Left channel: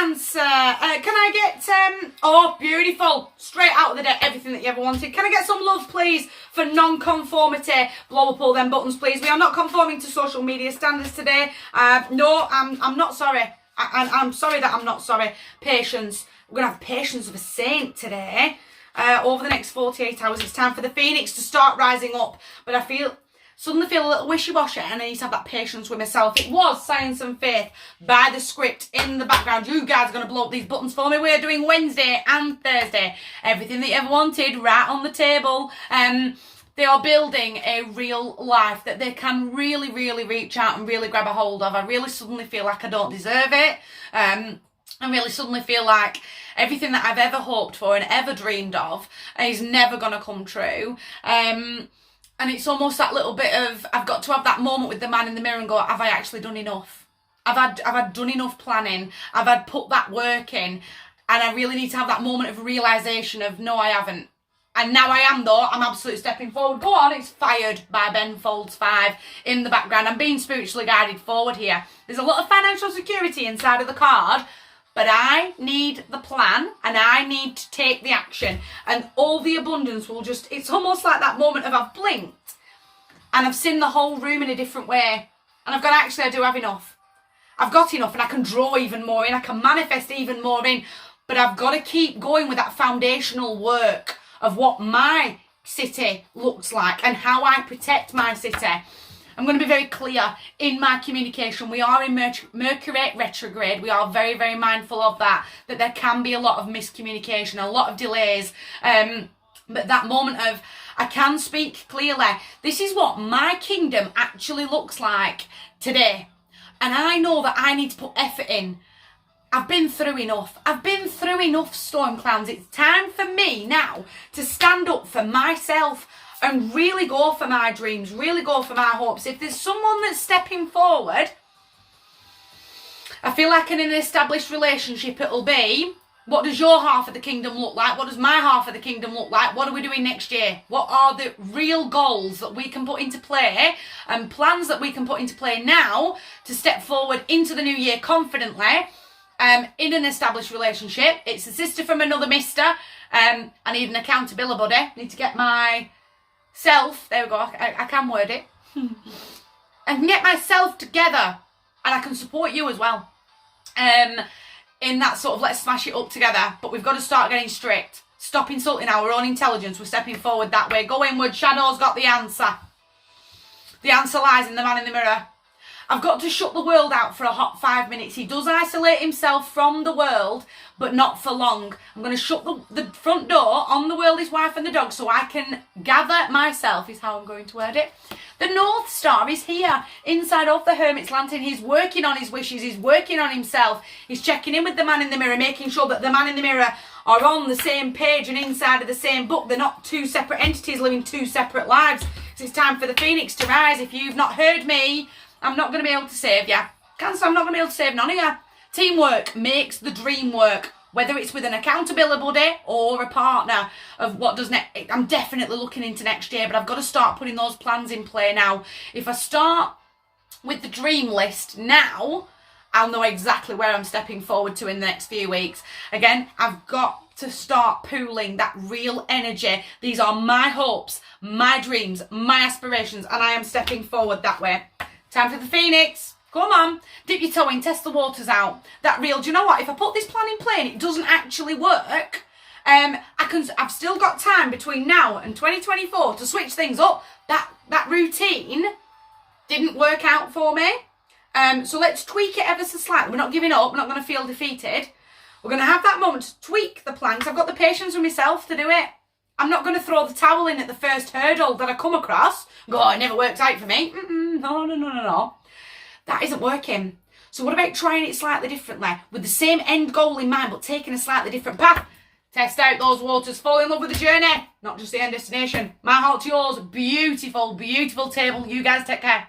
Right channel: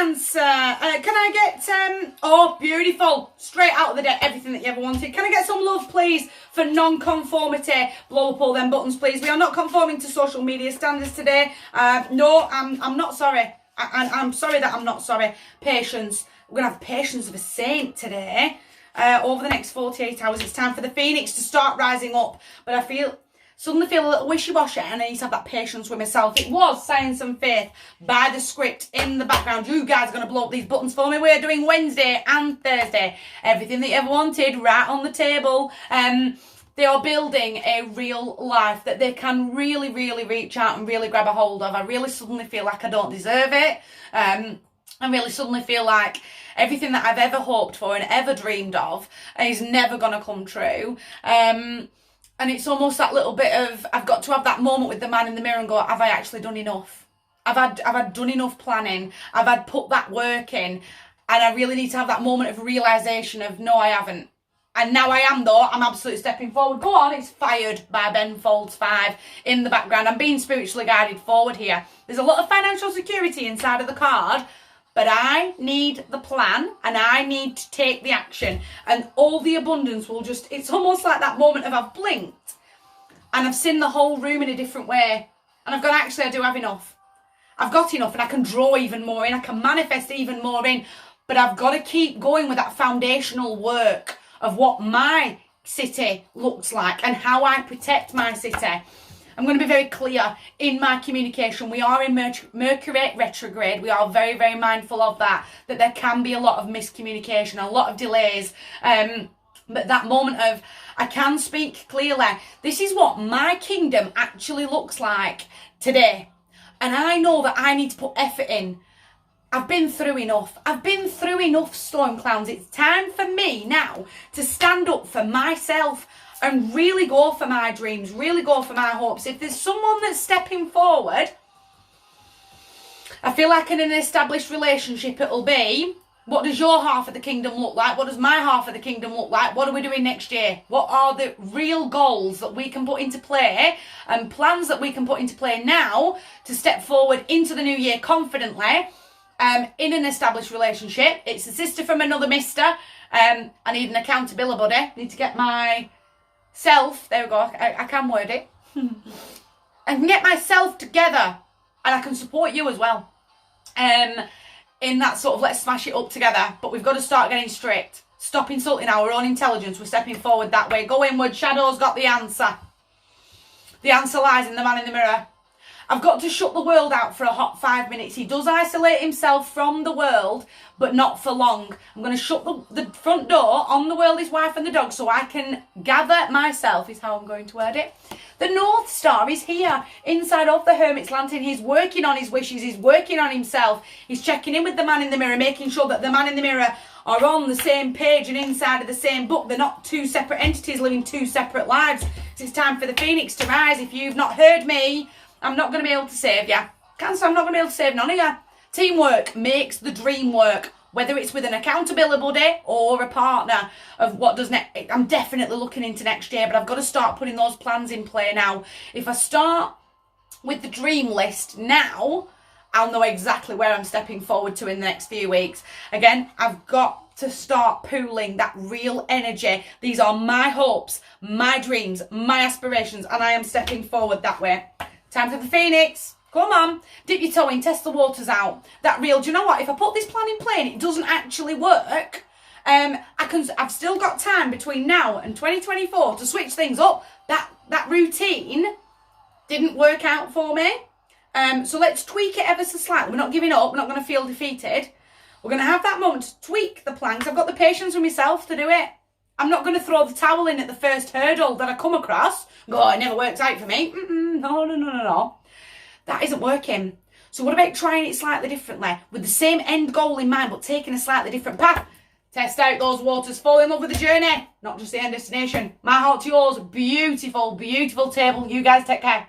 answer. Can I get, oh, beautiful. Straight out of the deck, everything that you ever wanted. Can I get some love, please, for non-conformity? Blow up all them buttons, please. We are not conforming to social media standards today. No, I'm not sorry. I'm sorry that I'm not sorry. Patience. We're going to have patience of a saint today. Over the next 48 hours, it's time for the phoenix to start rising up. But I suddenly feel a little wishy-washy, and I need to have that patience with myself. It was Science and Faith by the script in the background. You guys are going to blow up these buttons for me. We're doing Wednesday and Thursday. Everything that you ever wanted, right on the table. They are building a real life that they can really, really reach out and really grab a hold of. I really suddenly feel like I don't deserve it. I really suddenly feel like everything that I've ever hoped for and ever dreamed of is never going to come true. And it's almost that little bit of, I've got to have that moment with the man in the mirror and go, have I actually done enough? I've had done enough planning. I've had put that work in. And I really need to have that moment of realisation of, no, I haven't. And now I am, though. I'm absolutely stepping forward. Go on, it's Fired by Ben Folds 5 in the background. I'm being spiritually guided forward here. There's a lot of financial security inside of the card. But I need the plan and I need to take the action, and all the abundance will just, it's almost like that moment of I've blinked and I've seen the whole room in a different way. And I've gone, actually, I do have enough. I've got enough, and I can draw even more in. I can manifest even more in. But I've got to keep going with that foundational work of what my city looks like and how I protect my city. I'm going to be very clear in my communication. We are in Mercury retrograde. We are very, very mindful of that there can be a lot of miscommunication, a lot of delays. But that moment of, I can speak clearly. This is what my kingdom actually looks like today. And I know that I need to put effort in. I've been through enough. I've been through enough storm clouds. It's time for me now to stand up for myself and really go for my dreams, really go for my hopes. If there's someone that's stepping forward, I feel like in an established relationship it'll be, what does your half of the kingdom look like? What does my half of the kingdom look like? What are we doing next year? What are the real goals that we can put into play and plans that we can put into play now to step forward into the new year confidently in an established relationship? It's a sister from another mister. I need an accountability buddy. I need to get my self, there we go, I can word it. I can get myself together and I can support you as well. In that sort of let's smash it up together. But we've got to start getting strict. Stop insulting our own intelligence. We're stepping forward that way. Go inward. Shadow's got the answer. The answer lies in the man in the mirror. I've got to shut the world out for a hot 5 minutes. He does isolate himself from the world, but not for long. I'm going to shut the front door on the world, his wife and the dog, so I can gather myself, is how I'm going to word it. The North Star is here, inside of the Hermit's Lantern. He's working on his wishes. He's working on himself. He's checking in with the man in the mirror, making sure that the man in the mirror are on the same page and inside of the same book. They're not two separate entities living two separate lives. So it's time for the phoenix to rise. If you've not heard me, I'm not going to be able to save you. Cancer, I'm not going to be able to save none of you. Teamwork makes the dream work. Whether it's with an accountability buddy or a partner of what does next. I'm definitely looking into next year, but I've got to start putting those plans in play now. If I start with the dream list now, I'll know exactly where I'm stepping forward to in the next few weeks. Again, I've got to start pooling that real energy. These are my hopes, my dreams, my aspirations, and I am stepping forward that way. Time for the phoenix. Come on. Dip your toe in, test the waters out. That real, do you know what? If I put this plan in play and it doesn't actually work, I've still got time between now and 2024 to switch things up. That routine didn't work out for me. So let's tweak it ever so slightly. We're not giving up. We're not going to feel defeated. We're going to have that moment to tweak the plan because I've got the patience with myself to do it. I'm not going to throw the towel in at the first hurdle that I come across. Go, oh, it never worked out for me. No. That isn't working. So what about trying it slightly differently with the same end goal in mind, but taking a slightly different path? Test out those waters. Fall in love with the journey, not just the end destination. My heart to yours. Beautiful, beautiful table. You guys take care.